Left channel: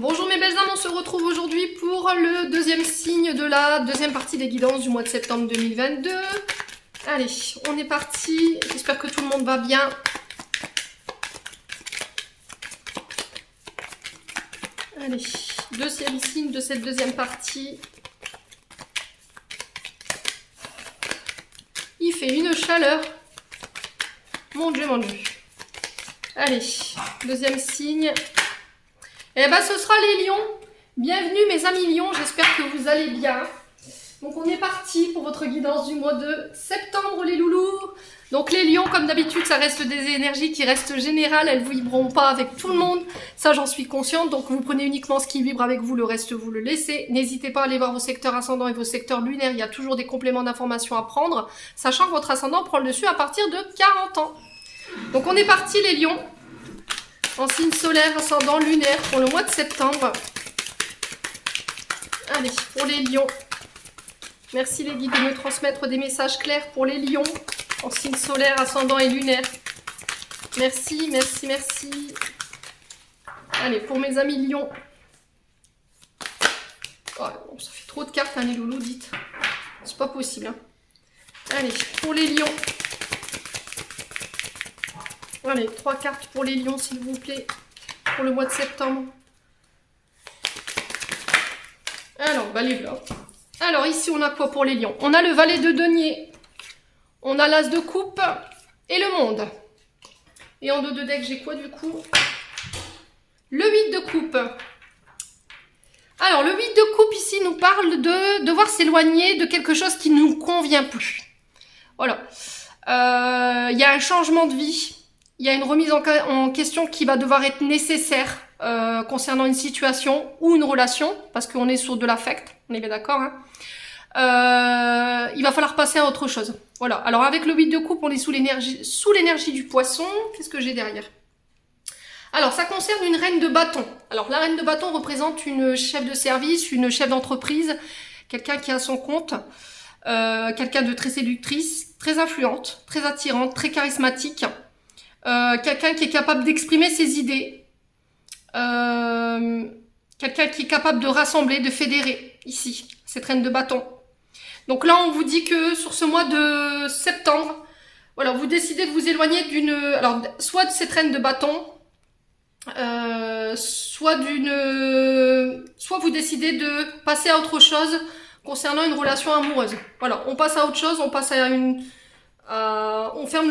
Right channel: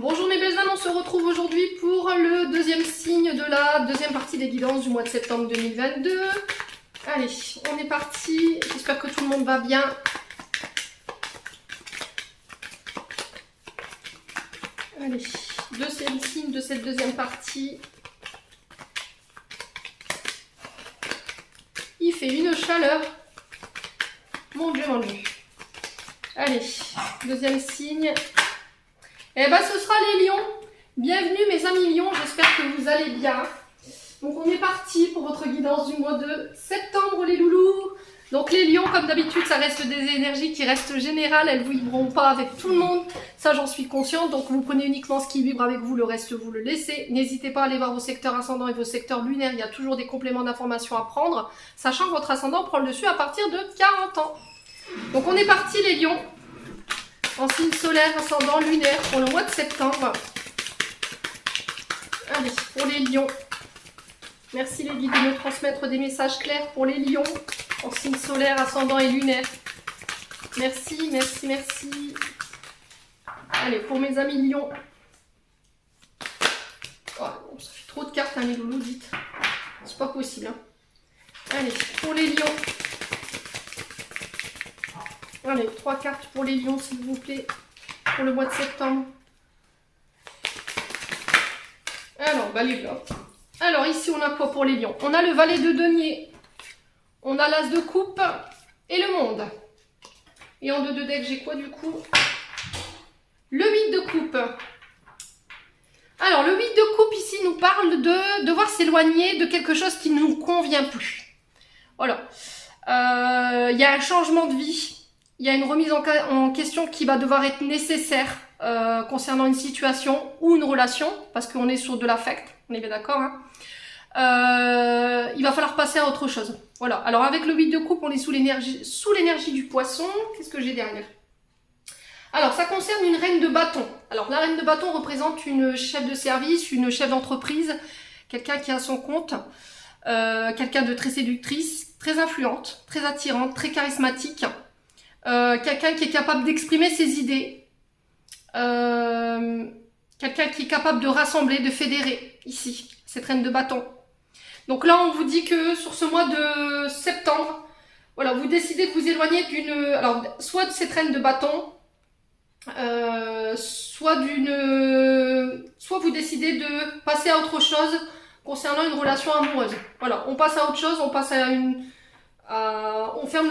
Bonjour mes belles âmes, on se retrouve aujourd'hui pour le deuxième signe de la deuxième partie des guidances du mois de septembre 2022. Allez, on est parti, j'espère que tout le monde va bien. Allez, deuxième signe de cette deuxième partie. Il fait une chaleur. Mon Dieu, mon Dieu. Allez, deuxième signe. Eh bien, ce sera les lions. Bienvenue mes amis lions, j'espère que vous allez bien. Donc on est parti pour votre guidance du mois de septembre les loulous. Donc les lions, comme d'habitude, ça reste des énergies qui restent générales, elles ne vibreront pas avec tout le monde. Ça j'en suis consciente, donc vous prenez uniquement ce qui vibre avec vous, le reste vous le laissez. N'hésitez pas à aller voir vos secteurs ascendants et vos secteurs lunaires, il y a toujours des compléments d'informations à prendre, sachant que votre ascendant prend le dessus à partir de 40 ans. Donc on est parti les lions. En signe solaire, ascendant, lunaire pour le mois de septembre. Allez, pour les lions. Merci les guides de nous transmettre des messages clairs pour les lions. En signe solaire, ascendant et lunaire. Merci, merci, merci. Allez, pour mes amis lions. Oh, ça fait trop de cartes, hein, les loulous, dites. C'est pas possible. Hein. Allez, pour les lions. Allez, 3 cartes pour les lions, s'il vous plaît, pour le mois de septembre. Alors, bah les voilà. Alors, ici, on a quoi pour les lions? On a le valet de denier, on a l'as de coupe et le monde. Et en 2 decks, j'ai quoi du coup? Le 8 de coupe. Alors, le 8 de coupe, ici, nous parle de devoir s'éloigner de quelque chose qui ne nous convient plus. Voilà. Il y a un changement de vie. Il y a une remise en question qui va devoir être nécessaire concernant une situation ou une relation, parce qu'on est sur de l'affect, on est bien d'accord. Hein. Il va falloir passer à autre chose. Voilà. Alors avec le 8 de coupe, on est sous l'énergie du poisson. Qu'est-ce que j'ai derrière? Alors ça concerne une reine de bâton. Alors la reine de bâton représente une chef de service, une chef d'entreprise, quelqu'un qui a son compte, quelqu'un de très séductrice, très influente, très attirante, très charismatique. Quelqu'un qui est capable d'exprimer ses idées, quelqu'un qui est capable de rassembler, de fédérer, ici, cette reine de bâton. Donc là, on vous dit que sur ce mois de septembre, voilà, vous décidez de vous éloigner d'une... Alors, soit de cette reine de bâton, soit vous décidez de passer à autre chose concernant une relation amoureuse. Voilà, on passe à autre chose, on passe à une... on ferme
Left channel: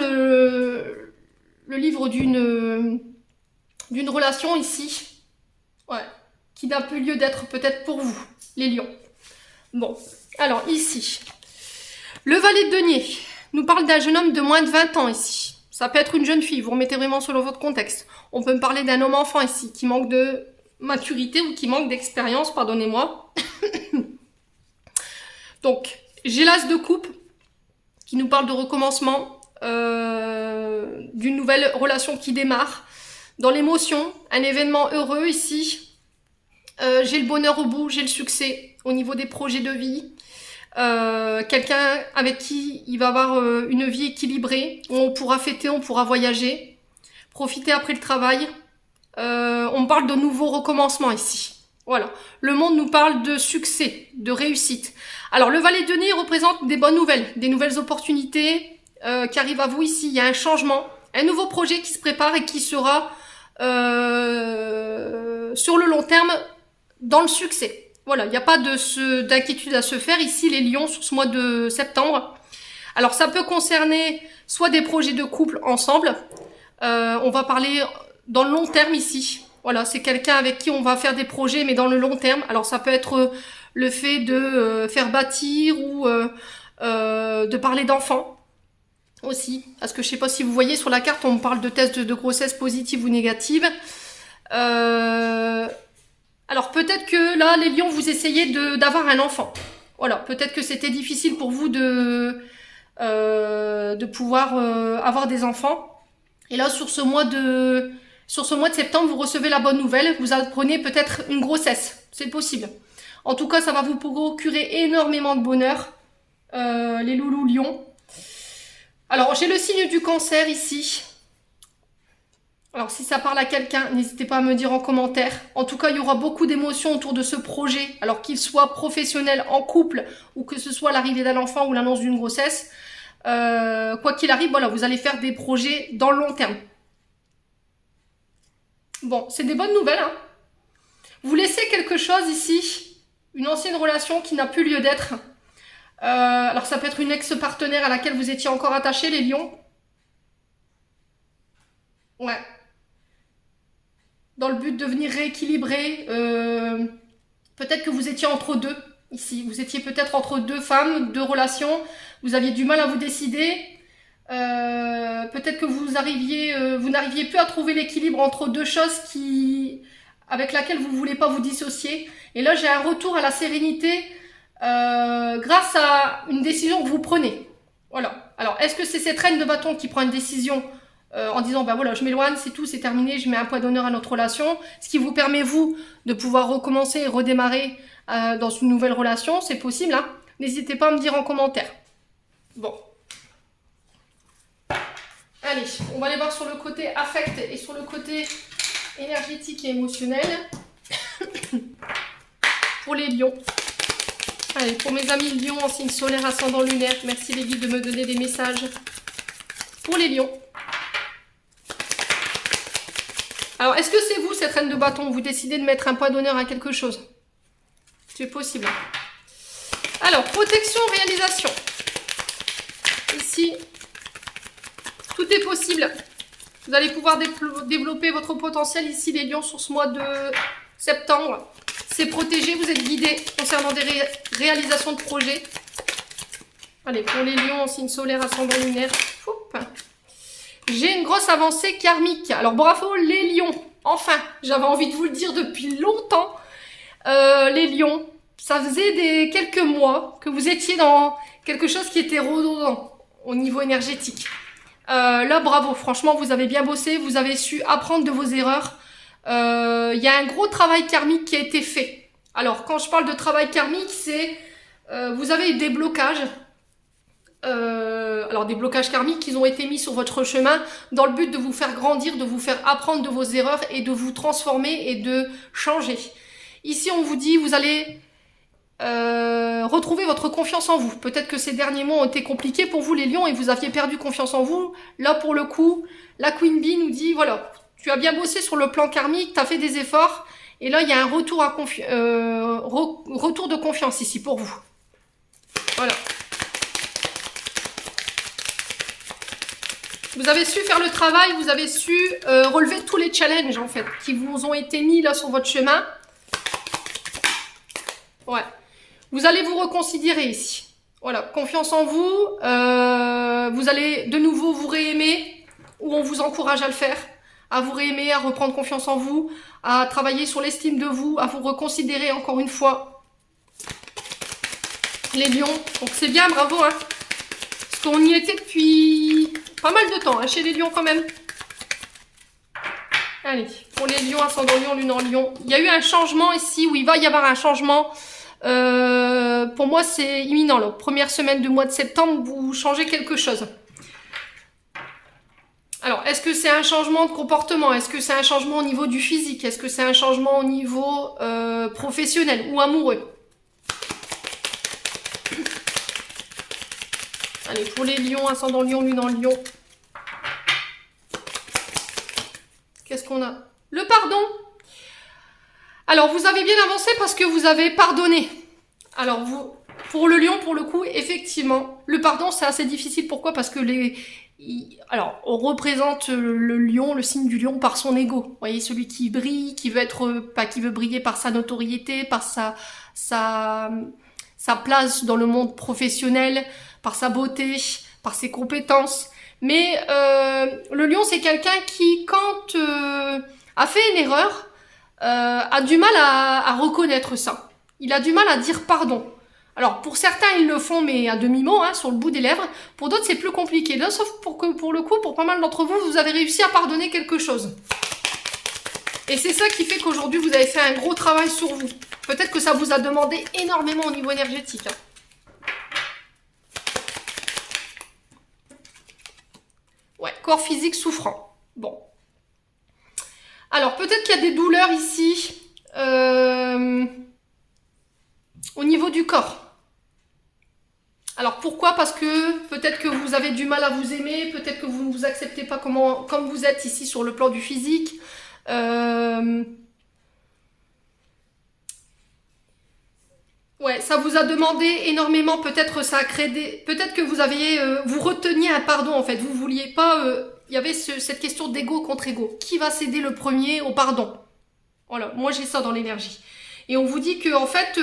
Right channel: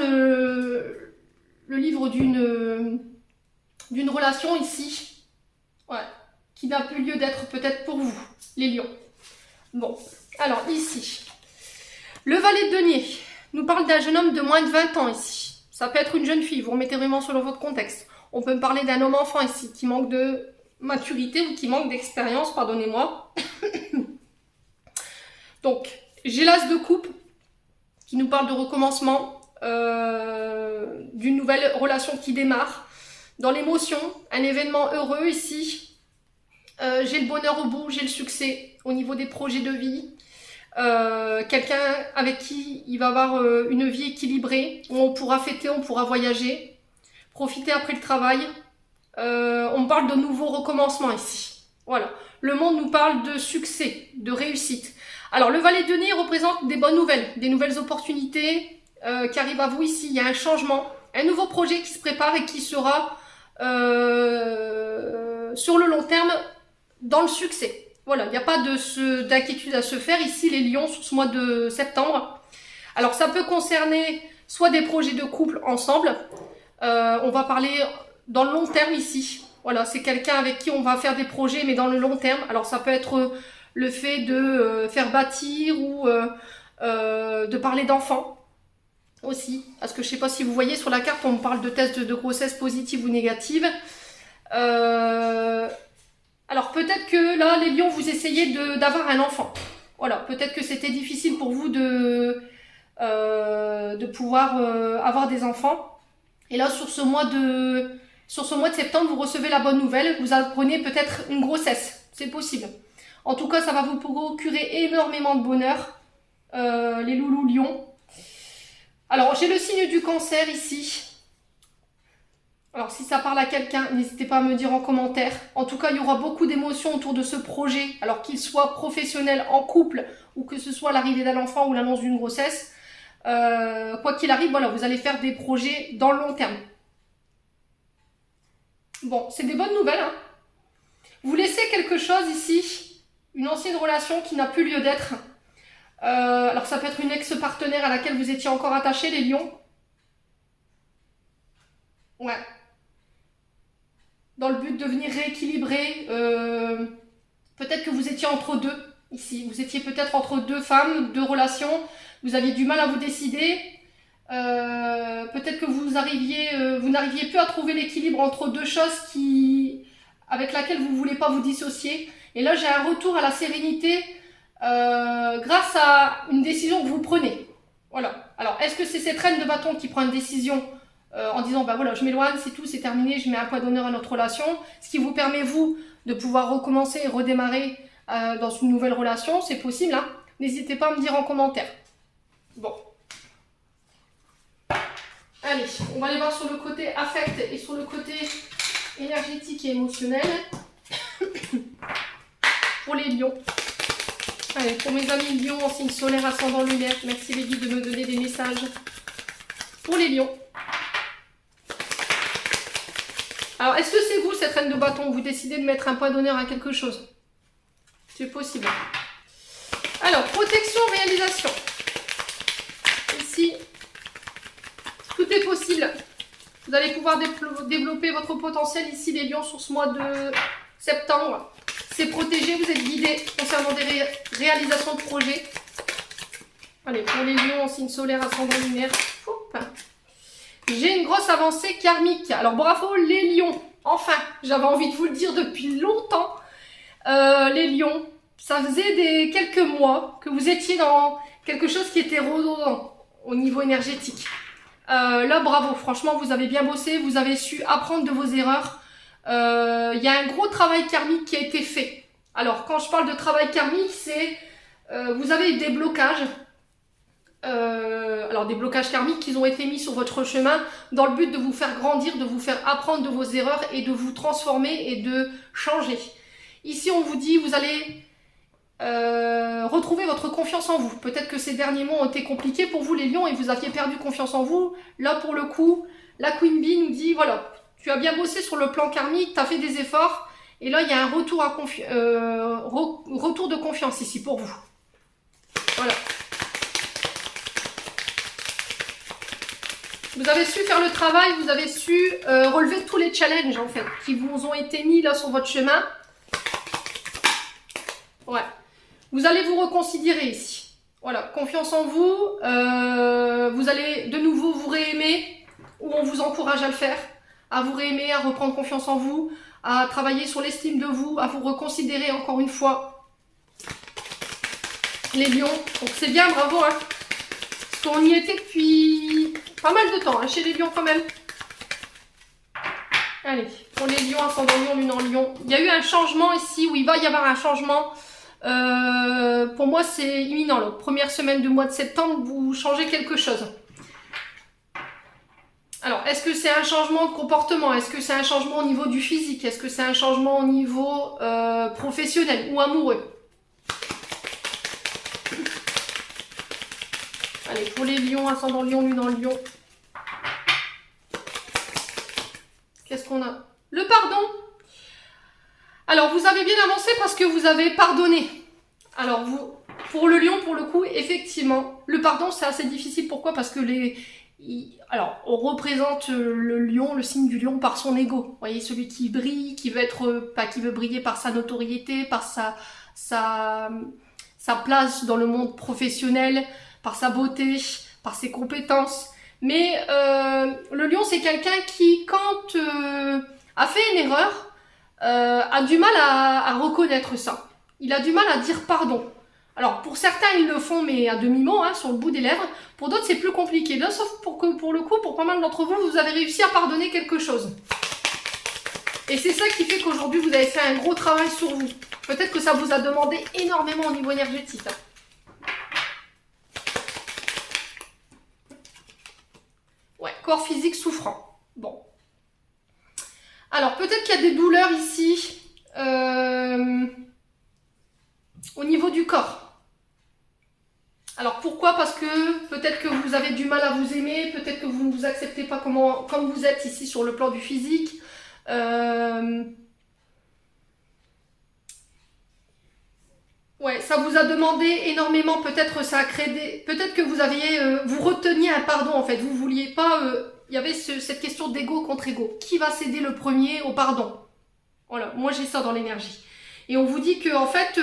le livre d'une relation ici, ouais, qui n'a plus lieu d'être peut-être pour vous, les lions. Bon, alors ici, le valet de denier nous parle d'un jeune homme de moins de 20 ans ici. Ça peut être une jeune fille, vous remettez vraiment selon votre contexte. On peut me parler d'un homme enfant ici, qui manque de maturité ou qui manque d'expérience, pardonnez-moi. Donc, j'ai l'as de coupe, qui nous parle de recommencement, d'une nouvelle relation qui démarre, dans l'émotion, un événement heureux ici, j'ai le bonheur au bout, j'ai le succès au niveau des projets de vie, quelqu'un avec qui il va avoir une vie équilibrée, où on pourra fêter, on pourra voyager, profiter après le travail, on parle de nouveaux recommencements ici, voilà, le monde nous parle de succès, de réussite. Alors le valet de denier représente des bonnes nouvelles, des nouvelles opportunités, qui arrive à vous ici, il y a un changement, un nouveau projet qui se prépare et qui sera sur le long terme dans le succès. Voilà, il n'y a pas d'inquiétude à se faire ici les lions sur ce mois de septembre. Alors ça peut concerner soit des projets de couple ensemble, on va parler dans le long terme ici. Voilà, c'est quelqu'un avec qui on va faire des projets mais dans le long terme. Alors ça peut être le fait de faire bâtir ou de parler d'enfants. Aussi, parce que je sais pas si vous voyez sur la carte, on me parle de tests de grossesse positive ou négative. Alors peut-être que là, les lions, vous essayez d'avoir un enfant. Voilà, peut-être que c'était difficile pour vous de pouvoir avoir des enfants. Et là, sur ce mois de septembre, vous recevez la bonne nouvelle. Vous apprenez peut-être une grossesse. C'est possible. En tout cas, ça va vous procurer énormément de bonheur, les loulous lions. Alors, j'ai le signe du cancer ici. Alors si ça parle à quelqu'un, n'hésitez pas à me dire en commentaire. En tout cas, il y aura beaucoup d'émotions autour de ce projet, alors qu'il soit professionnel, en couple, ou que ce soit l'arrivée d'un enfant ou l'annonce d'une grossesse. Quoi qu'il arrive, voilà, vous allez faire des projets dans le long terme. Bon, c'est des bonnes nouvelles, hein. Vous laissez quelque chose ici, une ancienne relation qui n'a plus lieu d'être. Alors ça peut être une ex-partenaire à laquelle vous étiez encore attaché, les lions. Ouais. Dans le but de venir rééquilibrer. Peut-être que vous étiez entre deux ici. Vous étiez peut-être entre deux femmes, deux relations. Vous aviez du mal à vous décider. Peut-être que vous n'arriviez plus à trouver l'équilibre entre deux choses avec laquelle vous ne voulez pas vous dissocier. Et là, j'ai un retour à la sérénité grâce à une décision que vous prenez. Voilà. Alors, est-ce que c'est cette reine de bâton qui prend une décision en disant, bah voilà, je m'éloigne, c'est tout, c'est terminé, je mets un point d'honneur à notre relation, ce qui vous permet, vous, de pouvoir recommencer et redémarrer dans une nouvelle relation, c'est possible, hein. N'hésitez pas à me dire en commentaire. Bon. Allez, on va aller voir sur le côté affect et sur le côté énergétique et émotionnel. Pour les lions. Allez, pour mes amis lions en signe solaire, ascendant lunaire, merci les guides de me donner des messages. Pour les lions. Alors, est-ce que c'est vous, cette reine de bâton? Vous décidez de mettre un point d'honneur à quelque chose? C'est possible. Alors, protection, réalisation. Ici, tout est possible. Vous allez pouvoir développer votre potentiel ici, les lions, sur ce mois de septembre. C'est protégé, vous êtes guidés concernant des réalisations de projets. Allez, pour les lions en signe solaire, ascendant lunaire. J'ai une grosse avancée karmique. Alors bravo les lions. Enfin, j'avais envie de vous le dire depuis longtemps. Les lions, ça faisait quelques mois que vous étiez dans quelque chose qui était redondant au niveau énergétique. Là, bravo. Franchement, vous avez bien bossé. Vous avez su apprendre de vos erreurs. Il y a un gros travail karmique qui a été fait. Alors, quand je parle de travail karmique, c'est vous avez eu des blocages. Alors des blocages karmiques qui ont été mis sur votre chemin dans le but de vous faire grandir, de vous faire apprendre de vos erreurs et de vous transformer et de changer. Ici on vous dit vous allez retrouver votre confiance en vous. Peut-être que ces derniers mois ont été compliqués pour vous les lions et vous aviez perdu confiance en vous. Là pour le coup, la Queen Bee nous dit voilà, tu as bien bossé sur le plan karmique, tu as fait des efforts et là il y a un retour de confiance ici pour vous. Voilà. Vous avez su faire le travail, vous avez su relever tous les challenges en fait qui vous ont été mis là sur votre chemin. Ouais. Vous allez vous reconsidérer ici. Voilà, confiance en vous. Vous allez de nouveau vous réaimer ou on vous encourage à le faire, à vous réaimer, à reprendre confiance en vous, à travailler sur l'estime de vous, à vous reconsidérer encore une fois. Les lions, donc c'est bien, bravo hein. Parce qu'on y était depuis pas mal de temps, hein, chez les lions quand même. Allez, pour les lions, ascendant lion, lune en lion. Il y a eu un changement ici, où il va y avoir un changement. Pour moi, c'est imminent. La première semaine du mois de septembre, vous changez quelque chose. Alors, est-ce que c'est un changement de comportement? Est-ce que c'est un changement au niveau du physique? Est-ce que c'est un changement au niveau professionnel ou amoureux? Allez, pour les lions, ascendant lion, lune en lion. Qu'est-ce qu'on a? Le pardon. Alors, vous avez bien avancé parce que vous avez pardonné. Alors, pour le lion, pour le coup, effectivement, le pardon, c'est assez difficile. Pourquoi? Parce que alors, on représente le lion, le signe du lion, par son ego. Vous voyez, celui qui brille, qui veut briller par sa notoriété, par sa place dans le monde professionnel, par sa beauté, par ses compétences. Mais le lion, c'est quelqu'un qui, quand a fait une erreur, a du mal à reconnaître ça. Il a du mal à dire pardon. Alors, pour certains, ils le font, mais à demi-mot, hein, sur le bout des lèvres. Pour d'autres, c'est plus compliqué. Là, sauf pour le coup, pour pas mal d'entre vous, vous avez réussi à pardonner quelque chose. Et c'est ça qui fait qu'aujourd'hui, vous avez fait un gros travail sur vous. Peut-être que ça vous a demandé énormément au niveau énergétique. Hein. Ouais, corps physique souffrant. Bon. Alors, peut-être qu'il y a des douleurs ici au niveau du corps. Alors, pourquoi? Parce que peut-être que vous avez du mal à vous aimer, peut-être que vous ne vous acceptez pas comme vous êtes ici sur le plan du physique. Ouais, ça vous a demandé énormément, peut-être ça a créé peut-être que vous aviez, vous reteniez un pardon en fait, vous vouliez pas, il y avait cette question d'ego contre ego. Qui va céder le premier au pardon? Voilà, moi j'ai ça dans l'énergie. Et on vous dit que en fait,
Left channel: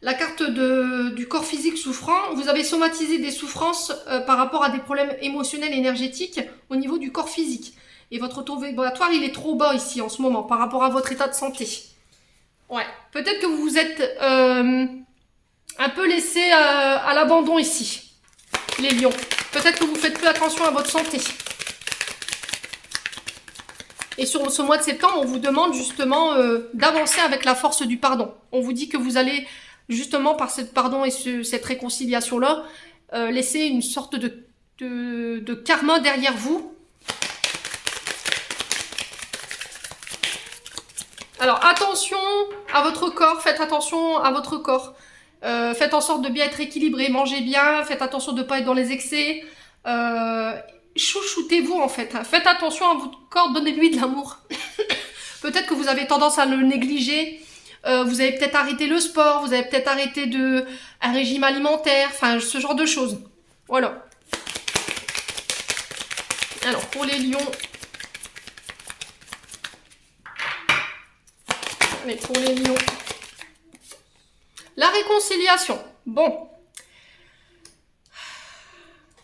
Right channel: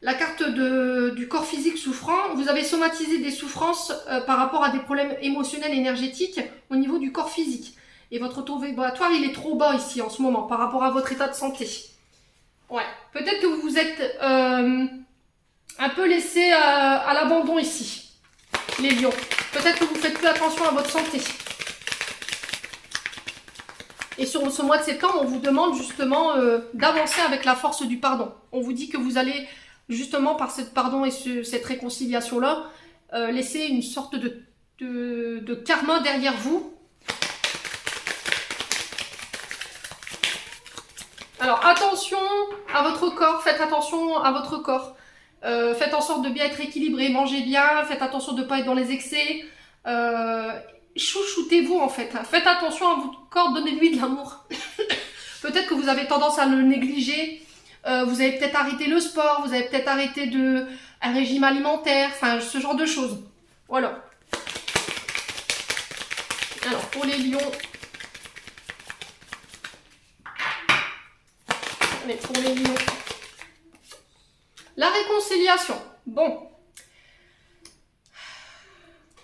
la carte du corps physique souffrant, vous avez somatisé des souffrances par rapport à des problèmes émotionnels, énergétiques au niveau du corps physique. Et votre taux vibratoire, il est trop bas ici en ce moment par rapport à votre état de santé. Ouais, peut-être que vous vous êtes un peu laissé à l'abandon ici, les lions. Peut-être que vous faites plus attention à votre santé. Et sur ce mois de septembre, on vous demande justement d'avancer avec la force du pardon. On vous dit que vous allez justement par cette pardon et cette réconciliation-là laisser une sorte de karma derrière vous. Alors attention à votre corps, faites attention à votre corps. Faites en sorte de bien être équilibré, mangez bien, faites attention de ne pas être dans les excès. Chouchoutez-vous en fait. Faites attention à votre corps, donnez-lui de l'amour. Peut-être que vous avez tendance à le négliger. Vous avez peut-être arrêté le sport, vous avez peut-être arrêté un régime alimentaire, enfin ce genre de choses. Voilà. Alors pour les lions. Mais pour les lions. La réconciliation. Bon.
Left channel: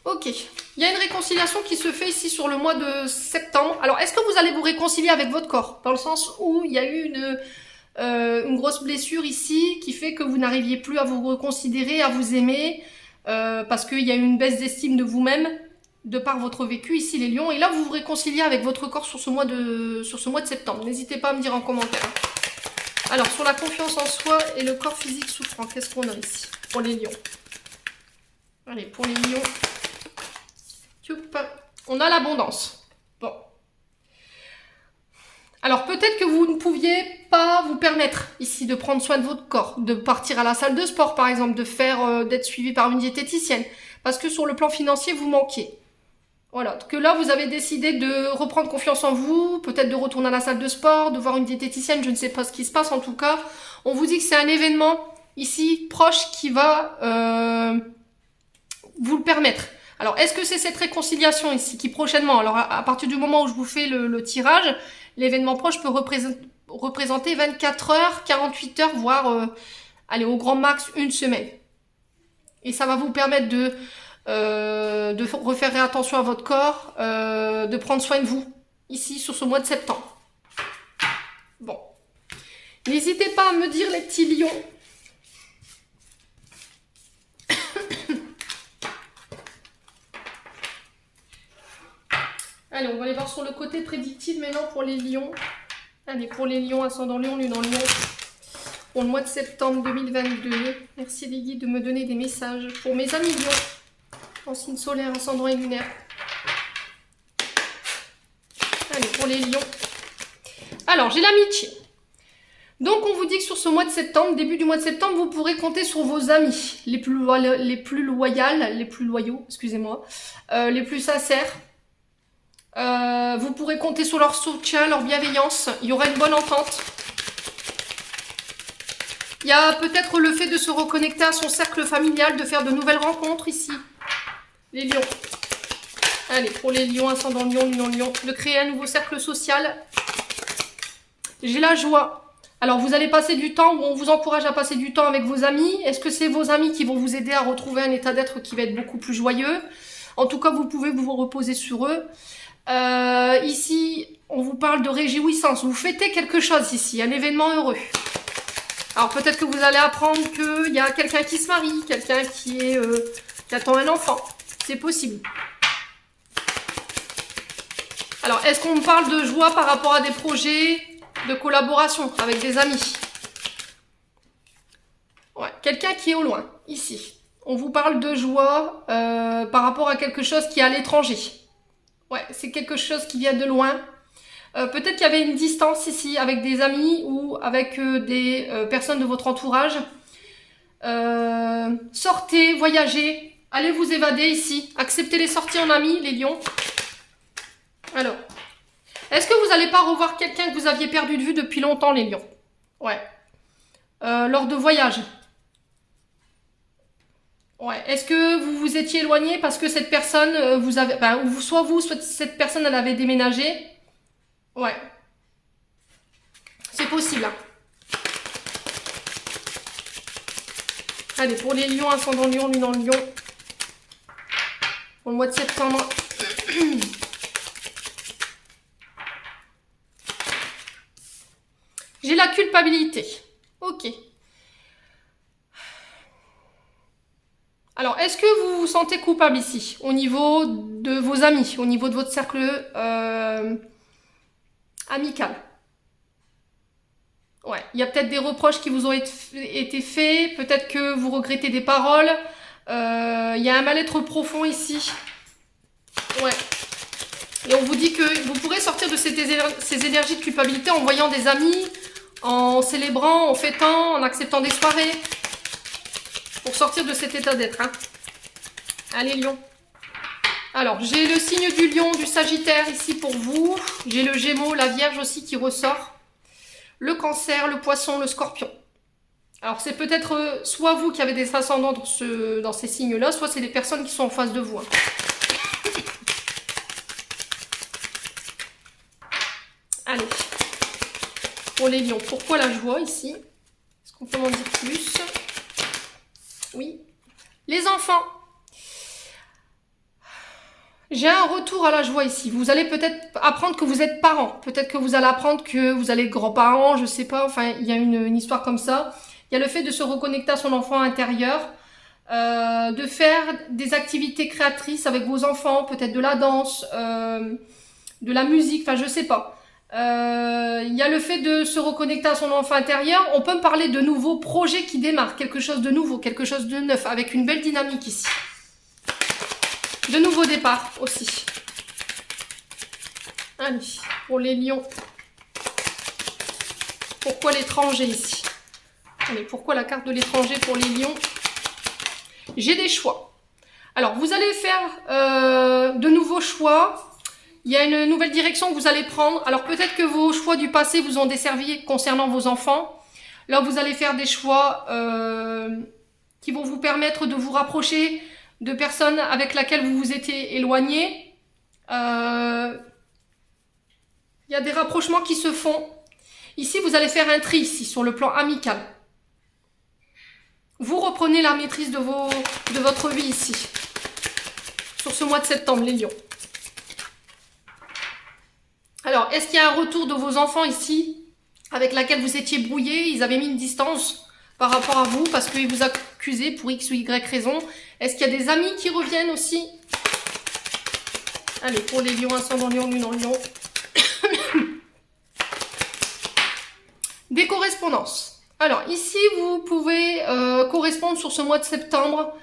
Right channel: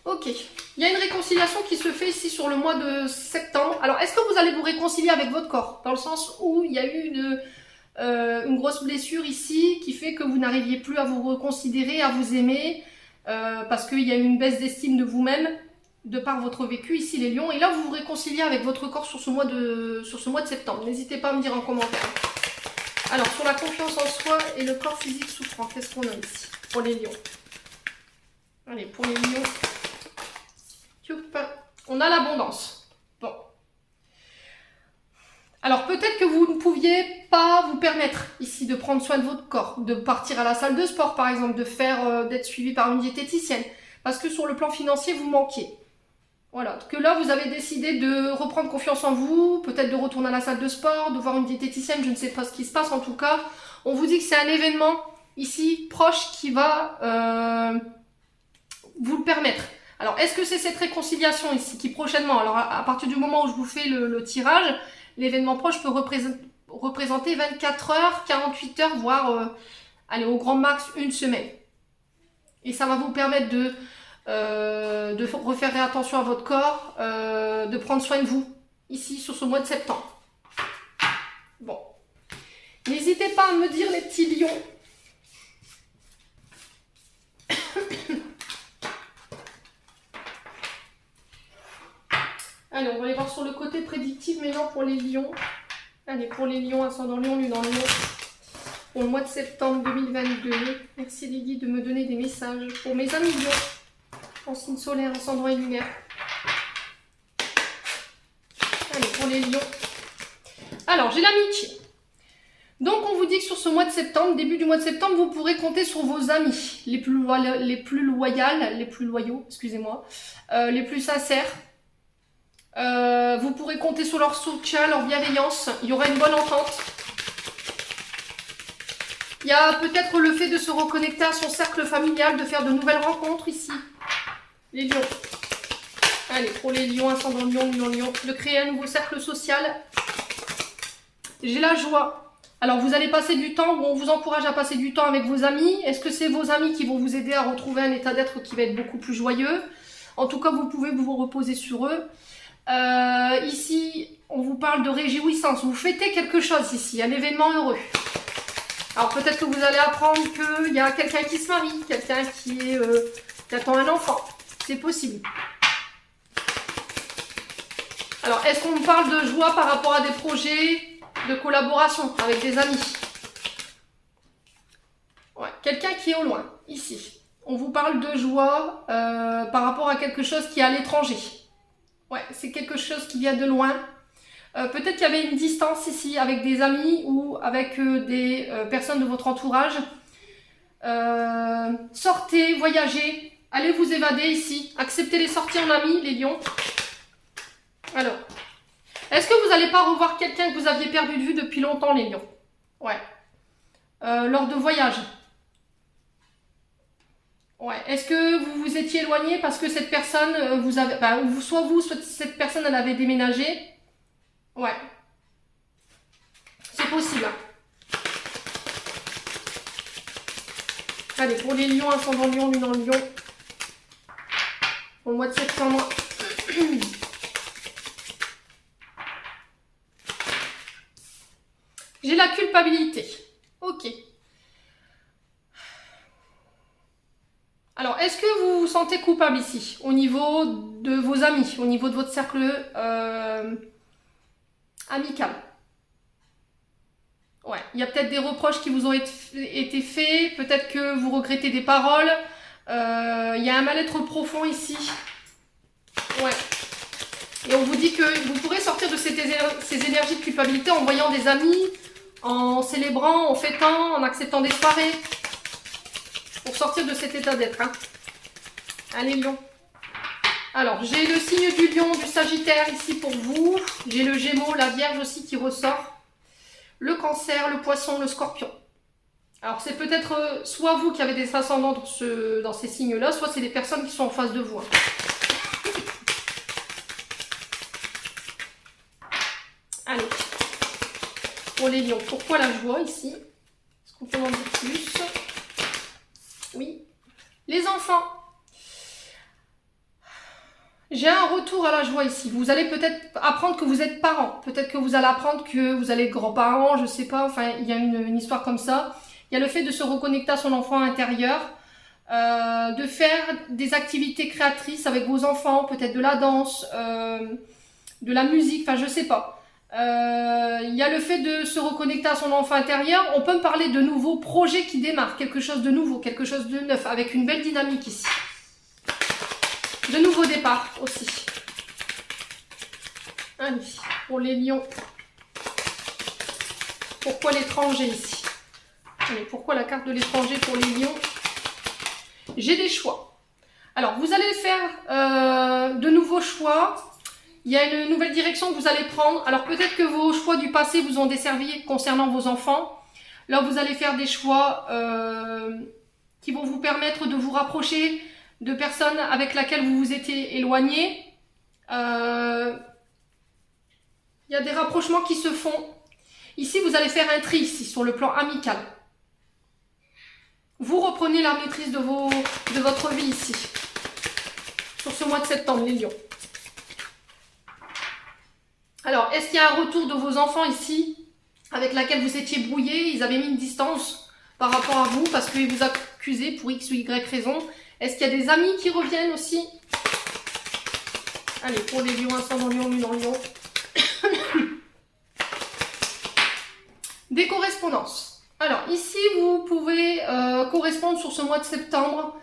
Ok. Il y a une réconciliation qui se fait ici sur le mois de septembre. Alors, est-ce que vous allez vous réconcilier avec votre corps? Dans le sens où il y a eu une grosse blessure ici qui fait que vous n'arriviez plus à vous reconsidérer, à vous aimer, parce qu'il y a eu une baisse d'estime de vous-même de par votre vécu ici, les lions. Et là, vous vous réconciliez avec votre corps sur ce mois de septembre. N'hésitez pas à me dire en commentaire. Alors, sur la confiance en soi et le corps physique souffrant, qu'est-ce qu'on a ici pour les lions? Allez, pour les lions, on a l'abondance. Bon. Alors, peut-être que vous ne pouviez pas vous permettre ici de prendre soin de votre corps, de partir à la salle de sport, par exemple, d'être suivi par une diététicienne, parce que sur le plan financier, vous manquiez. Voilà, que là, vous avez décidé de reprendre confiance en vous, peut-être de retourner à la salle de sport, de voir une diététicienne, je ne sais pas ce qui se passe en tout cas. On vous dit que c'est un événement ici proche qui va vous le permettre. Alors, est-ce que c'est cette réconciliation ici qui prochainement, alors à partir du moment où je vous fais le tirage, l'événement proche peut représenter 24 heures, 48 heures, voire, allez, au grand max, une semaine. Et ça va vous permettre de refaire attention à votre corps, de prendre soin de vous, ici, sur ce mois de septembre. Bon. N'hésitez pas à me dire, les petits lions. Allez, on va aller voir sur le côté prédictif maintenant pour les lions. Allez, pour les lions, ascendant lion, lune en lion. Pour le mois de septembre 2022. Merci les guides de me donner des messages. Pour mes amis lions, en signe solaire, ascendant et lunaire. Allez, pour les lions. Alors, j'ai l'amitié. Donc, on vous dit que sur ce mois de septembre, début du mois de septembre, vous pourrez compter sur vos amis les plus loyaux, excusez-moi, les plus sincères. Vous pourrez compter sur leur soutien, leur bienveillance. Il y aura une bonne entente. Il y a peut-être le fait de se reconnecter à son cercle familial, de faire de nouvelles rencontres ici. Les lions. Allez, pour les lions, ascendant lion, lion, de créer un nouveau cercle social. J'ai la joie. Alors, vous allez passer du temps, ou on vous encourage à passer du temps avec vos amis. Est-ce que c'est vos amis qui vont vous aider à retrouver un état d'être qui va être beaucoup plus joyeux? En tout cas, vous pouvez vous reposer sur eux. Ici, on vous parle de réjouissance. Vous fêtez quelque chose ici, un événement heureux. Alors peut-être que vous allez apprendre qu'il y a quelqu'un qui se marie, quelqu'un qui attend un enfant. C'est possible. Alors, est-ce qu'on me parle de joie par rapport à des projets de collaboration avec des amis? Ouais, quelqu'un qui est au loin, ici. On vous parle de joie par rapport à quelque chose qui est à l'étranger. Ouais, c'est quelque chose qui vient de loin. Peut-être qu'il y avait une distance ici avec des amis ou avec des personnes de votre entourage. Sortez, voyagez, allez vous évader ici. Acceptez les sorties en amis, les lions. Alors, est-ce que vous n'allez pas revoir quelqu'un que vous aviez perdu de vue depuis longtemps, les lions? Ouais. Lors de voyages. Ouais. Est-ce que vous vous étiez éloigné parce que cette personne, vous avez, soit vous, soit cette personne, elle avait déménagé? Ouais. C'est possible. Allez, pour les lions, ascendant lion, lunan lion. Pour le mois de septembre. J'ai la culpabilité. Ok. Alors, est-ce que vous vous sentez coupable ici, au niveau de vos amis, au niveau de votre cercle amical? Ouais, il y a peut-être des reproches qui vous ont été faits, peut-être que vous regrettez des paroles. Il y a un mal-être profond ici. Ouais. Et on vous dit que vous pourrez sortir de ces énergies de culpabilité en voyant des amis, en célébrant, en fêtant, en acceptant des soirées. Pour sortir de cet état d'être. Hein. Allez, lion. Alors, j'ai le signe du lion, du sagittaire ici pour vous. J'ai le gémeaux, la vierge aussi qui ressort. Le cancer, le poisson, le scorpion. Alors, c'est peut-être soit vous qui avez des ascendants dans ces signes-là, soit c'est des personnes qui sont en face de vous. Hein. Allez. Pour les lions, pourquoi la joie ici? Est-ce qu'on peut m'en dire plus? Oui. Les enfants. J'ai un retour à la joie ici. Vous allez peut-être apprendre que vous êtes parents. Peut-être que vous allez apprendre que vous allez être grands-parents, je sais pas. Enfin, il y a une histoire comme ça. Il y a le fait de se reconnecter à son enfant intérieur, de faire des activités créatrices avec vos enfants, peut-être de la danse, de la musique, enfin je sais pas. Il y a le fait de se reconnecter à son enfant intérieur. On peut me parler de nouveaux projets qui démarrent, quelque chose de nouveau, quelque chose de neuf, avec une belle dynamique ici. De nouveaux départs aussi. Allez, pour les lions. Pourquoi l'étranger ici? Allez, pourquoi la carte de l'étranger pour les lions? J'ai des choix. Alors, vous allez faire de nouveaux choix. Il y a une nouvelle direction que vous allez prendre. Alors, peut-être que vos choix du passé vous ont desservi concernant vos enfants. Là, vous allez faire des choix qui vont vous permettre de vous rapprocher de personnes avec lesquelles vous vous étiez éloigné. Il y a des rapprochements qui se font. Ici, vous allez faire un tri ici, sur le plan amical. Vous reprenez la maîtrise de votre vie ici, sur ce mois de septembre, les lions. Alors, est-ce qu'il y a un retour de vos enfants ici, avec laquelle vous étiez brouillé? Ils avaient mis une distance par rapport à vous, parce qu'ils vous accusaient pour X ou Y raison. Est-ce qu'il y a des amis qui reviennent aussi? Allez, pour les lions, ascendant lion, lunan lion. Des correspondances. Alors, ici, vous pouvez correspondre sur ce mois de septembre.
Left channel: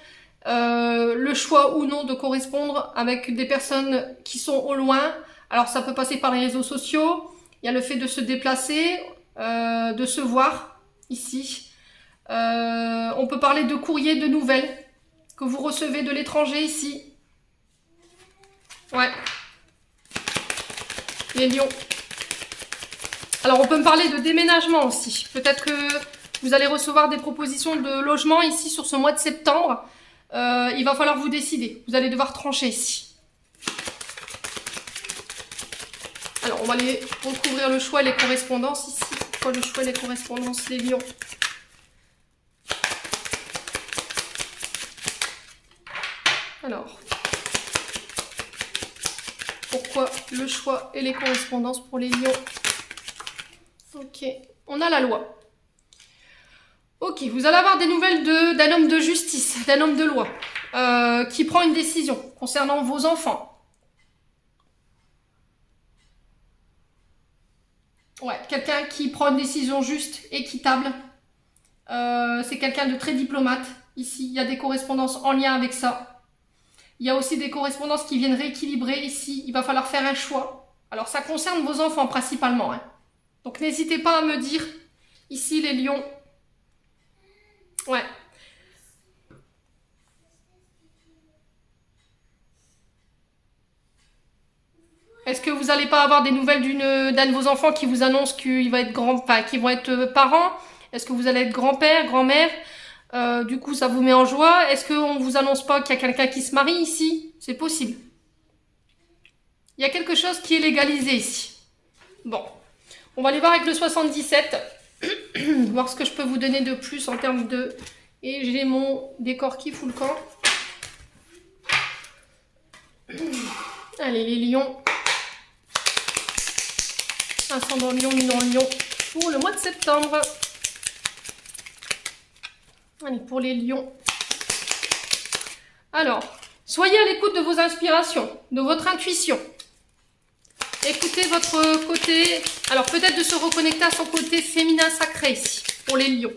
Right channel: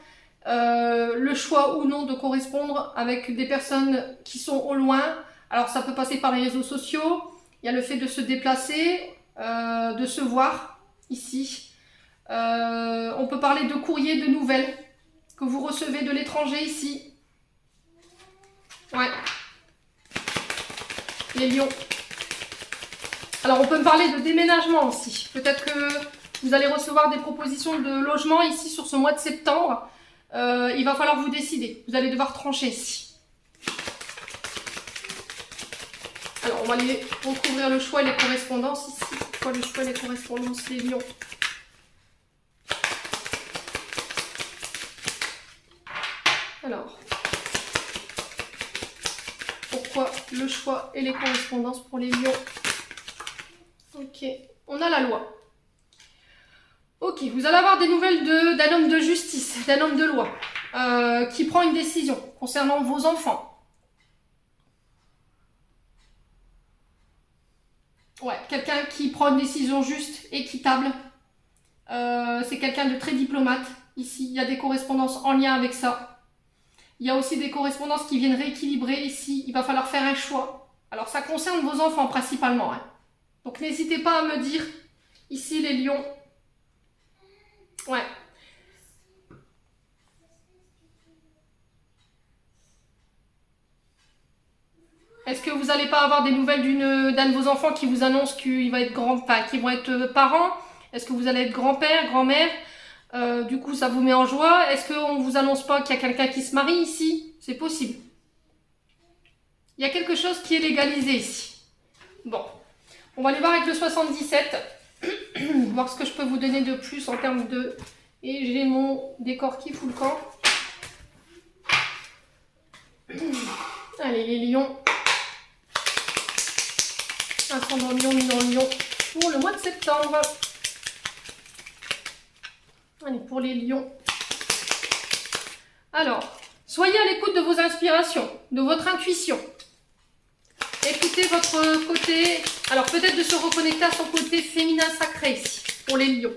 Le choix ou non de correspondre avec des personnes qui sont au loin. Alors, ça peut passer par les réseaux sociaux. Il y a le fait de se déplacer, de se voir ici. On peut parler de courrier, de nouvelles que vous recevez de l'étranger ici. Ouais. Les lions. Alors, on peut me parler de déménagement aussi. Peut-être que vous allez recevoir des propositions de logement ici sur ce mois de septembre. Il va falloir vous décider. Vous allez devoir trancher ici. Alors, on va aller recouvrir le choix et les correspondances ici. Pourquoi le choix et les correspondances, les lions? Alors, pourquoi le choix et les correspondances pour les lions? Ok, on a la loi. Ok, vous allez avoir des nouvelles d'un homme de justice, d'un homme de loi, qui prend une décision concernant vos enfants. Ouais, quelqu'un qui prend une décision juste, équitable. C'est quelqu'un de très diplomate. Ici, il y a des correspondances en lien avec ça. Il y a aussi des correspondances qui viennent rééquilibrer ici. Il va falloir faire un choix. Alors, ça concerne vos enfants principalement, hein. Donc, n'hésitez pas à me dire, ici, les lions. Ouais. Est-ce que vous n'allez pas avoir des nouvelles d'un de vos enfants qui vous annonce qu'il va être qu'ils vont être parents? Est-ce que vous allez être grand-père, grand-mère? Du coup, ça vous met en joie. Est-ce qu'on ne vous annonce pas qu'il y a quelqu'un qui se marie ici? C'est possible. Il y a quelque chose qui est légalisé ici. Bon, on va aller voir avec le 77. Voir ce que je peux vous donner de plus en termes de... Et j'ai mon décor qui fout le camp. Allez, les lions. Ascendant lion, lunan lion. Pour le mois de septembre. Allez, pour les lions. Alors, soyez à l'écoute de vos inspirations, de votre intuition. Écoutez votre côté... Alors, peut-être de se reconnecter à son côté féminin sacré ici, pour les lions.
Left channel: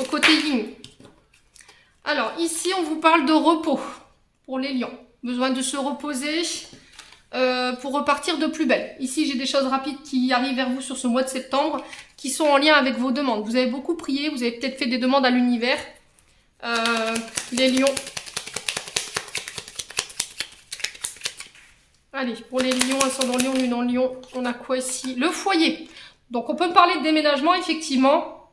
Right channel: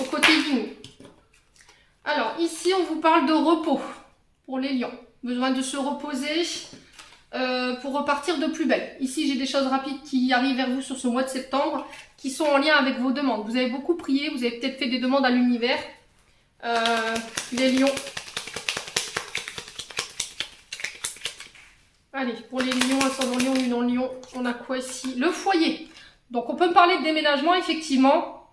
Au côté yin. Alors, ici, on vous parle de repos pour les lions. Besoin de se reposer pour repartir de plus belle. Ici, j'ai des choses rapides qui arrivent vers vous sur ce mois de septembre, qui sont en lien avec vos demandes. Vous avez beaucoup prié, vous avez peut-être fait des demandes à l'univers. Les lions. Allez, pour les lions, ascendant lion, lunan lion, on a quoi ici? Le foyer. Donc, on peut me parler de déménagement, effectivement.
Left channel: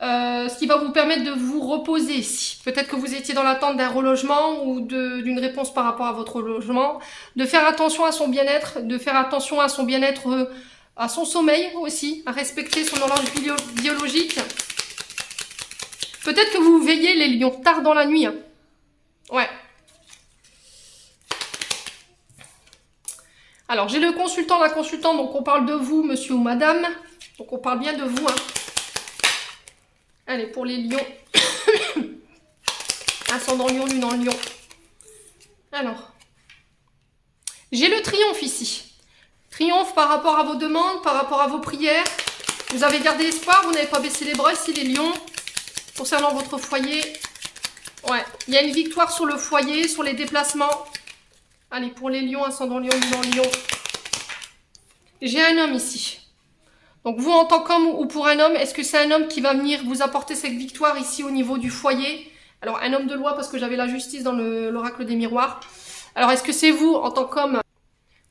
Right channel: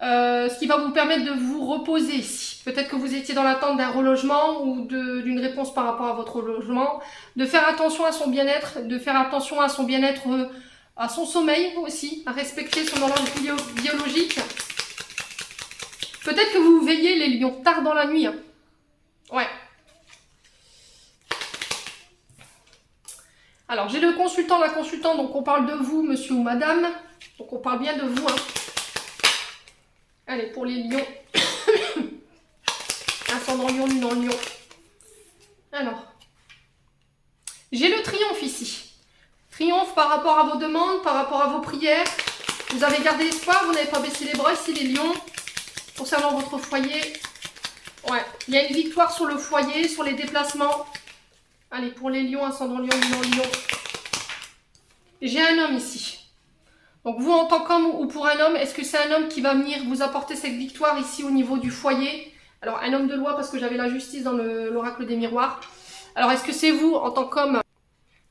Ce qui va vous permettre de vous reposer ici. Peut-être que vous étiez dans l'attente d'un relogement ou d'une réponse par rapport à votre logement. De faire attention à son bien-être, de faire attention à son bien-être, à son sommeil aussi, à respecter son horloge biologique. Peut-être que vous veillez les lions tard dans la nuit. Hein. Ouais. Alors, j'ai le consultant, la consultante, donc on parle de vous, monsieur ou madame. Donc, on parle bien de vous. Hein. Allez, pour les lions. Ascendant lion, lunan lion. Alors, j'ai le triomphe ici. Triomphe par rapport à vos demandes, par rapport à vos prières. Vous avez gardé espoir, vous n'avez pas baissé les bras ici, les lions. Concernant votre foyer. Ouais, il y a une victoire sur le foyer, sur les déplacements. Allez, pour les lions, ascendant lion, lunan lion. J'ai un homme ici. Donc vous, en tant qu'homme ou pour un homme, est-ce que c'est un homme qui va venir vous apporter cette victoire ici au niveau du foyer? Alors, un homme de loi, parce que j'avais la justice dans l'oracle des miroirs. Alors, est-ce que c'est vous en tant qu'homme?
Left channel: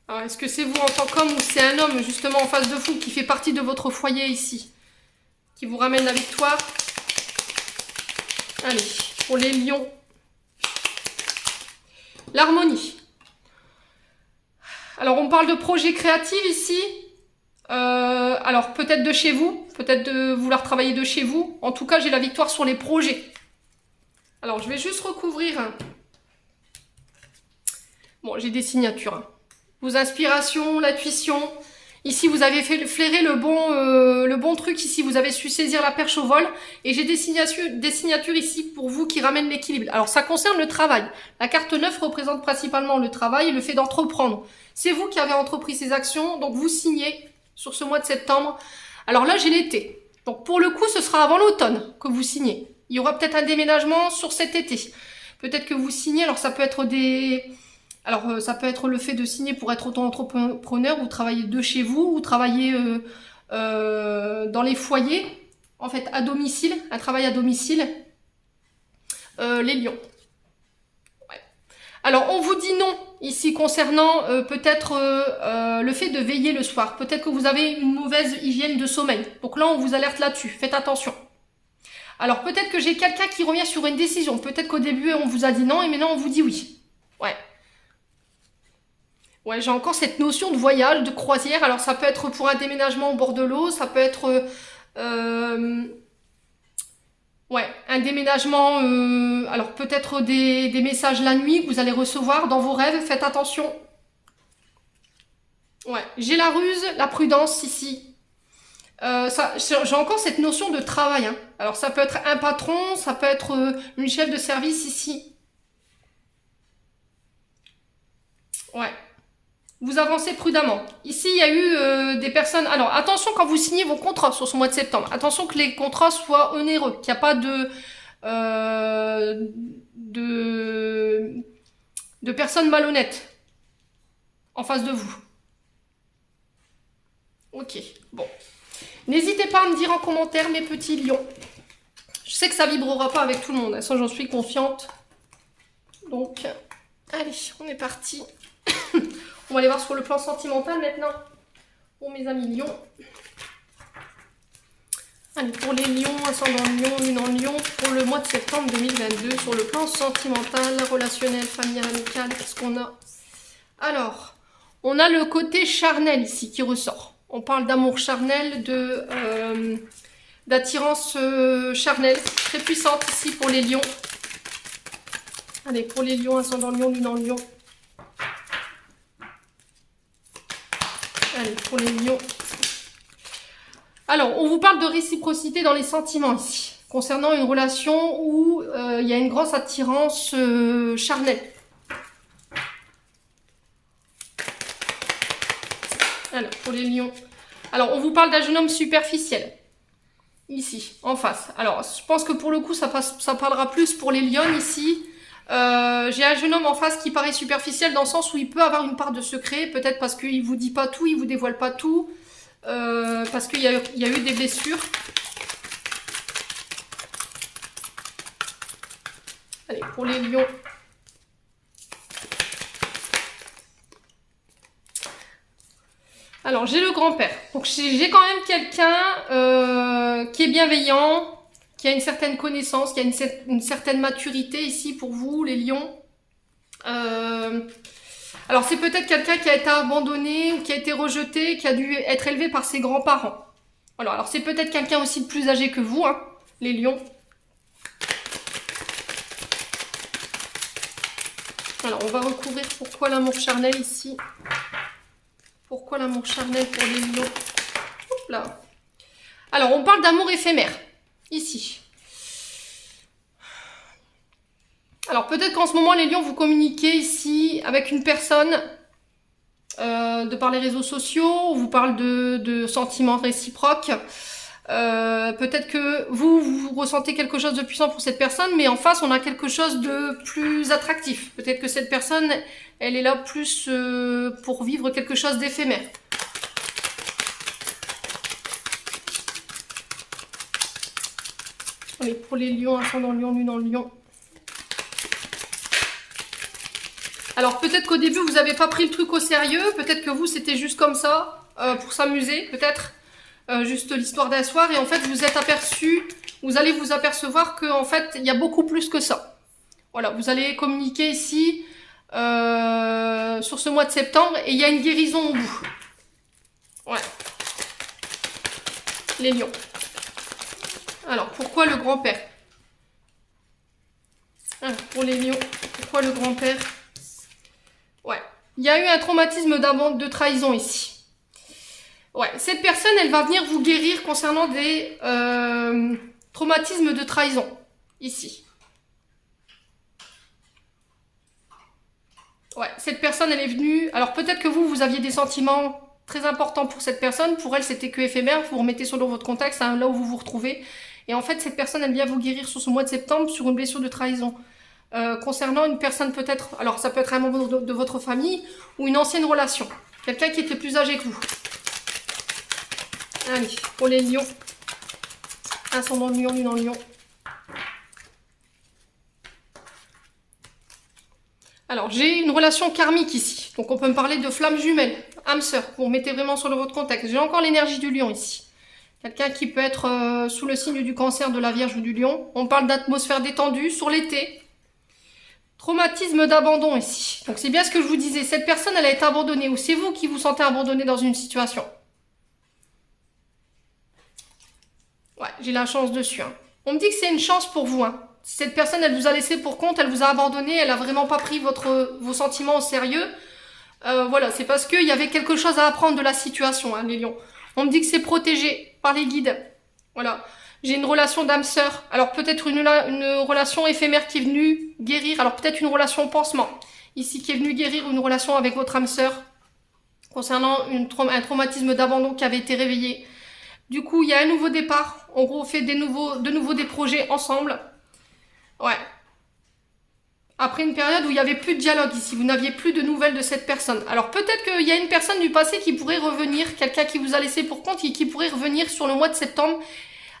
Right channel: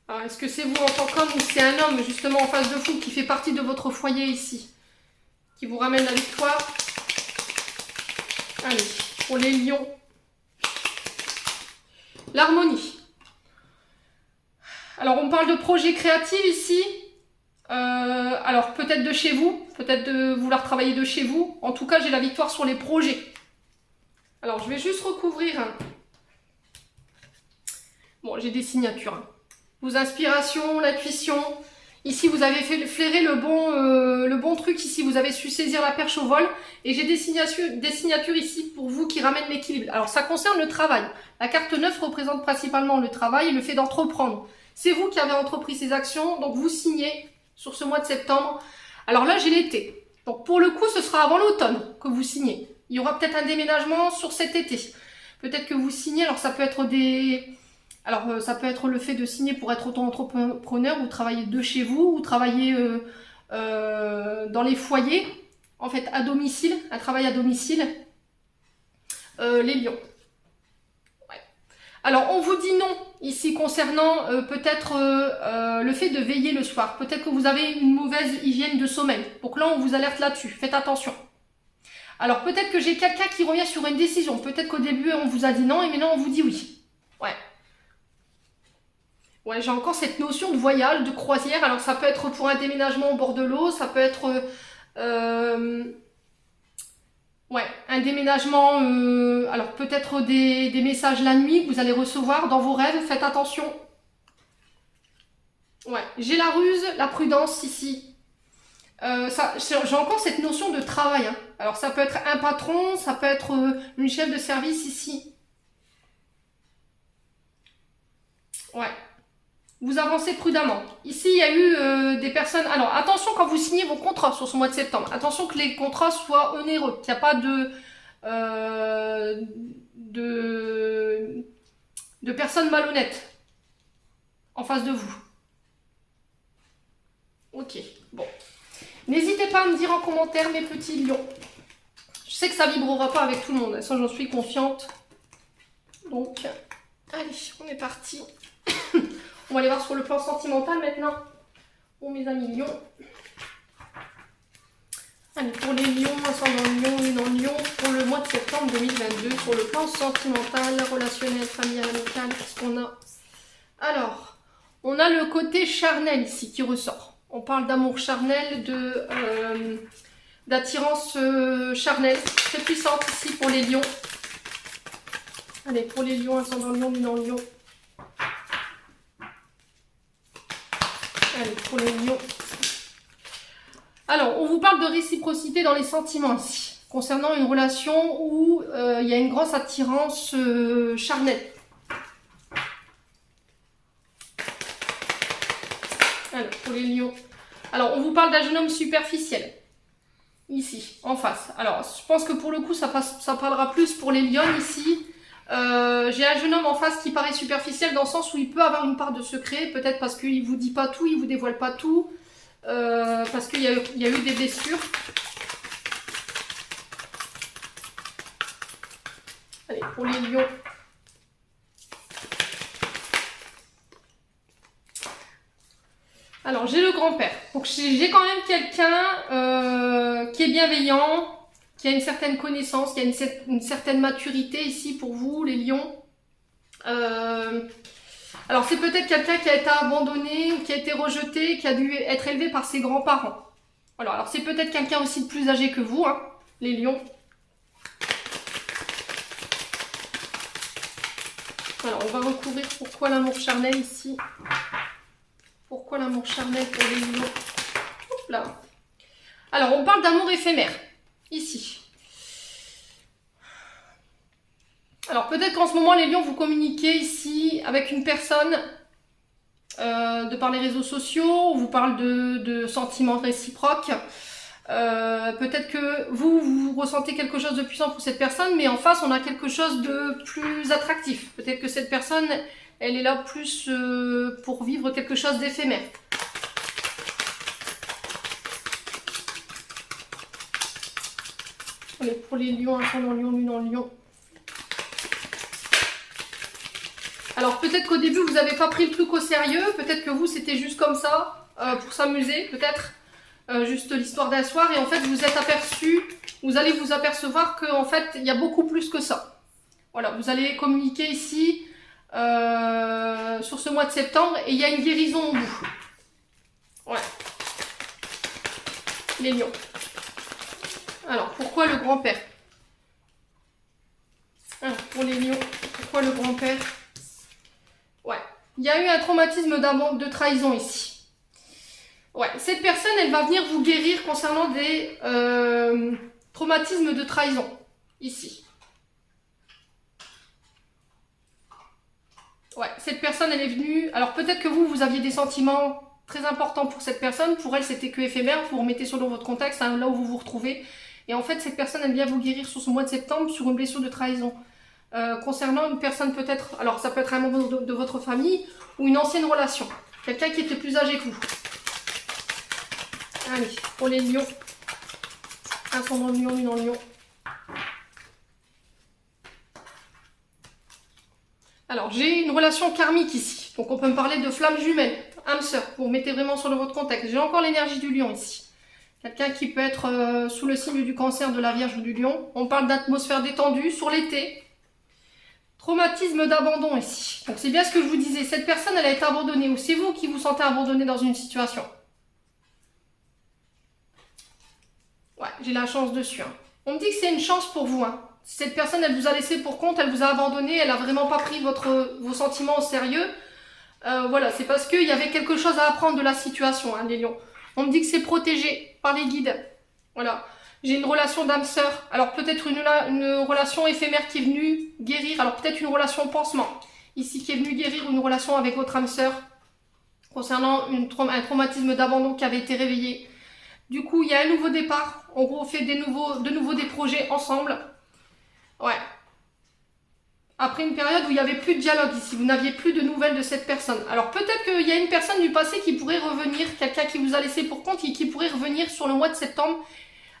Alors, est-ce que c'est vous en tant qu'homme ou c'est un homme justement en face de vous qui fait partie de votre foyer ici? Qui vous ramène la victoire? Allez, pour les lions. L'harmonie. Alors, on parle de projet créatif ici. Alors, peut-être de chez vous. Peut-être de vouloir travailler de chez vous. En tout cas, j'ai la victoire sur les projets. Alors, je vais juste recouvrir. Bon, j'ai des signatures. Hein. Vos inspirations, l'intuition. Ici, vous avez flairé le bon truc. Ici, vous avez su saisir la perche au vol. Et j'ai des signatures ici pour vous qui ramènent l'équilibre. Alors, ça concerne le travail. La carte 9 représente principalement le travail et le fait d'entreprendre. C'est vous qui avez entrepris ces actions. Donc, vous signez sur ce mois de septembre. Alors là, j'ai l'été. Donc, pour le coup, ce sera avant l'automne que vous signez. Il y aura peut-être un déménagement sur cet été. Peut-être que vous signez. Alors, ça peut être ça peut être le fait de signer pour être auto-entrepreneur ou travailler de chez vous ou travailler dans les foyers, en fait, à domicile, un travail à domicile. Les lions. Ouais. Alors, on vous dit non ici concernant peut-être le fait de veiller le soir. Peut-être que vous avez une mauvaise hygiène de sommeil. Donc là, on vous alerte là-dessus. Faites attention. Alors, peut-être que j'ai quelqu'un qui revient sur une décision. Peut-être qu'au début, on vous a dit non et maintenant, on vous dit oui. Ouais. Ouais, j'ai encore cette notion de voyage, de croisière. Alors, ça peut être pour un déménagement au bord de l'eau. Ça peut être un déménagement. Alors, peut-être des messages la nuit que vous allez recevoir dans vos rêves. Faites attention. Ouais, j'ai la ruse, la prudence ici. J'ai encore cette notion de travail. Hein. Alors, ça peut être un patron, ça peut être une chef de service ici. Ouais. Vous avancez prudemment. Ici, il y a eu des personnes... Alors, attention quand vous signez vos contrats sur ce mois de septembre. Attention que les contrats soient onéreux, qu'il n'y a pas de personnes malhonnêtes. en face de vous. Ok, bon. N'hésitez pas à me dire en commentaire, mes petits lions. Je sais que ça vibrera pas avec tout le monde, ça j'en suis confiante. Donc, allez, on est parti. On va aller voir sur le plan sentimental maintenant. Pour mes amis lions. Allez, pour les lions, ascendant lion, lune en lion, pour le mois de septembre 2022, sur le plan sentimental, relationnel, familial, amical, qu'est-ce qu'on a? Alors, on a le côté charnel ici qui ressort. On parle d'amour charnel, d'attirance charnelle, très puissante ici pour les lions. Allez, pour les lions, ascendant lion, lune en lion. Allez, pour les lions. Alors, on vous parle de réciprocité dans les sentiments ici, concernant une relation où il y a une grosse attirance charnelle. Alors, pour les lions. Alors, on vous parle d'un jeune homme superficiel. Ici, en face. Alors, je pense que pour le coup, ça parlera plus pour les lions ici. J'ai un jeune homme en face qui paraît superficiel dans le sens où il peut avoir une part de secret, peut-être parce qu'il ne vous dit pas tout, il ne vous dévoile pas tout, parce qu'il y a eu des blessures. Allez, pour les lions. Alors, j'ai le grand-père. Donc, j'ai quand même quelqu'un qui est bienveillant, qui a une certaine connaissance, qui a une certaine maturité ici pour vous, les lions. Alors, c'est peut-être quelqu'un qui a été abandonné ou qui a été rejeté, qui a dû être élevé par ses grands-parents. Alors c'est peut-être quelqu'un aussi de plus âgé que vous, hein, les lions. Alors, on va recouvrir pourquoi l'amour charnel ici. Pourquoi l'amour charnel pour les lions? Oups là. Alors, on parle d'amour éphémère, ici. Alors, peut-être qu'en ce moment, les lions, vous communiquez ici avec une personne de par les réseaux sociaux, on vous parle de sentiments réciproques. Peut-être que vous ressentez quelque chose de puissant pour cette personne, mais en face, on a quelque chose de plus attractif. Peut-être que cette personne, elle est là plus pour vivre quelque chose d'éphémère. Allez, pour les lions, ascendant lion, lune en lion. Alors peut-être qu'au début vous n'avez pas pris le truc au sérieux, peut-être que vous c'était juste comme ça, pour s'amuser, peut-être juste l'histoire d'un soir, et en fait vous êtes aperçu, vous allez vous apercevoir qu'en fait il y a beaucoup plus que ça. Voilà, vous allez communiquer ici sur ce mois de septembre et il y a une guérison au bout. Ouais. Les lions. Alors pourquoi le grand-père? Alors pour les lions, pourquoi le grand-père? Ouais, il y a eu un traumatisme de trahison ici. Ouais, cette personne, elle va venir vous guérir concernant des traumatismes de trahison, ici. Ouais, cette personne, elle est venue... Alors peut-être que vous aviez des sentiments très importants pour cette personne. Pour elle, c'était que éphémère. Vous remettez selon votre contexte, hein, là où vous vous retrouvez. Et en fait, cette personne, elle vient vous guérir sur ce mois de septembre sur une blessure de trahison. Concernant une personne peut-être, alors ça peut être un membre de votre famille ou une ancienne relation, quelqu'un qui était plus âgé que vous. Allez, pour les lions, ascendant lion, lune en lion. Alors j'ai une relation karmique ici, donc on peut me parler de flamme jumelle, âme sœur, vous mettez vraiment sur votre contexte. J'ai encore l'énergie du lion ici. Quelqu'un qui peut être sous le signe du cancer, de la vierge ou du lion. On parle d'atmosphère détendue sur l'été. Traumatisme d'abandon ici. Donc c'est bien ce que je vous disais. Cette personne, elle a été abandonnée. Ou c'est vous qui vous sentez abandonné dans une situation. Ouais, j'ai la chance dessus. Hein. On me dit que c'est une chance pour vous. Hein. Si cette personne, elle vous a laissé pour compte, elle vous a abandonné, elle n'a vraiment pas pris vos sentiments au sérieux. Voilà, c'est parce qu'il y avait quelque chose à apprendre de la situation, hein, les lions. On me dit que c'est protégé par les guides. Voilà. J'ai une relation d'âme sœur. Alors peut-être une relation éphémère qui est venue guérir. Alors peut-être une relation pansement. Ici qui est venue guérir une relation avec votre âme sœur. Concernant un traumatisme d'abandon qui avait été réveillé. Du coup, il y a un nouveau départ. On refait de nouveau des projets ensemble. Ouais. Après une période où il n'y avait plus de dialogue ici, vous n'aviez plus de nouvelles de cette personne. Alors peut-être qu'il y a une personne du passé qui pourrait revenir, quelqu'un qui vous a laissé pour compte et qui pourrait revenir sur le mois de septembre,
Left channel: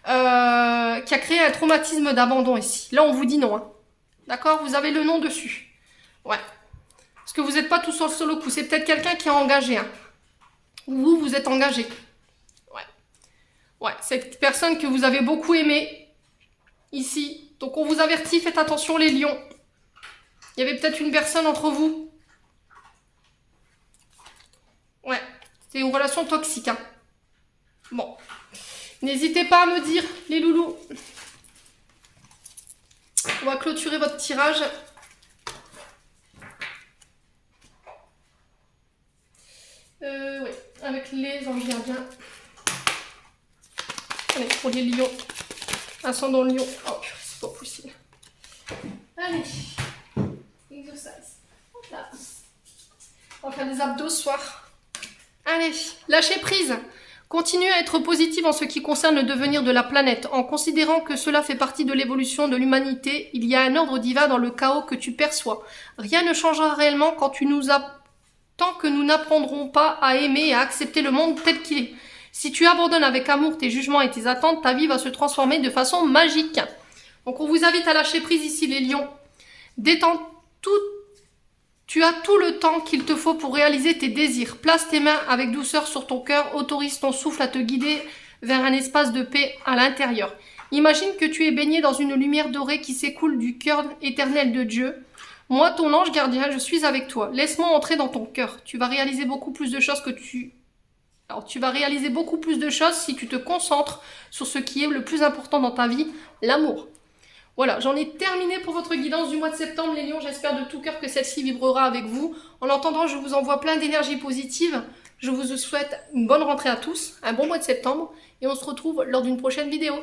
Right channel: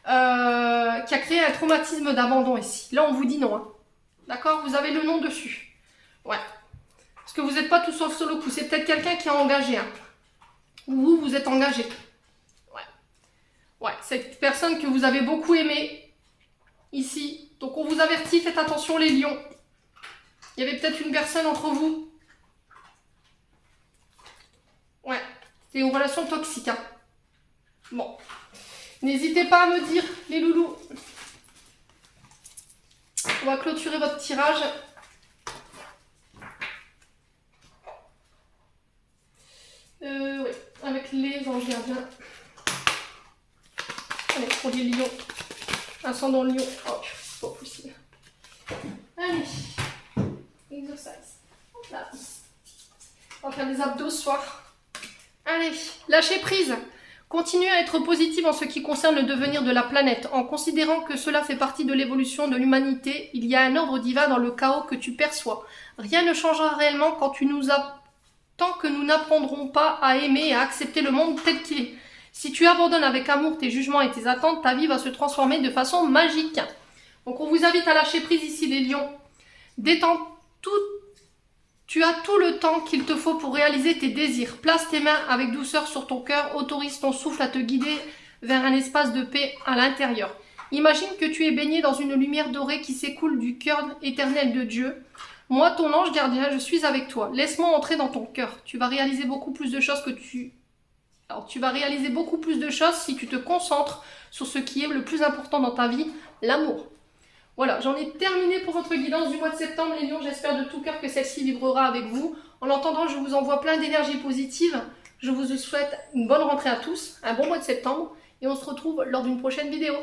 qui a créé un traumatisme d'abandon ici. Là, on vous dit non. Hein. D'accord? Vous avez le nom dessus. Ouais. Parce que vous n'êtes pas tout sur le solo coup. C'est peut-être quelqu'un qui est engagé. Hein. Ou vous êtes engagé. Ouais. Ouais. Cette personne que vous avez beaucoup aimée, ici. Donc on vous avertit, faites attention les lions. Il y avait peut-être une personne entre vous. Ouais, c'est une relation toxique. Hein. Bon. N'hésitez pas à me dire, les loulous. On va clôturer votre tirage. Oui, avec les anges gardiens. Allez, pour les lions. Ascendant lion. Oh, c'est pas possible. Allez. Exercice. Là. On va faire des abdos ce soir. Allez, lâchez prise. Continuez à être positive en ce qui concerne le devenir de la planète. En considérant que cela fait partie de l'évolution de l'humanité, il y a un ordre divin dans le chaos que tu perçois. Rien ne changera réellement tant que nous n'apprendrons pas à aimer et à accepter le monde tel qu'il est. Si tu abandonnes avec amour tes jugements et tes attentes, ta vie va se transformer de façon magique. Donc on vous invite à lâcher prise ici les lions. Détends tout. Tu as tout le temps qu'il te faut pour réaliser tes désirs. Place tes mains avec douceur sur ton cœur. Autorise ton souffle à te guider vers un espace de paix à l'intérieur. Imagine que tu es baigné dans une lumière dorée qui s'écoule du cœur éternel de Dieu. Moi, ton ange gardien, je suis avec toi. Laisse-moi entrer dans ton cœur. Tu vas réaliser beaucoup plus de choses tu vas réaliser beaucoup plus de choses si tu te concentres sur ce qui est le plus important dans ta vie, l'amour. Voilà, j'en ai terminé pour votre guidance du mois de septembre, les lions. J'espère de tout cœur que celle-ci vibrera avec vous. En attendant, je vous envoie plein d'énergie positive. Je vous souhaite une bonne rentrée à tous, un bon mois de septembre. Et on se retrouve lors d'une prochaine vidéo.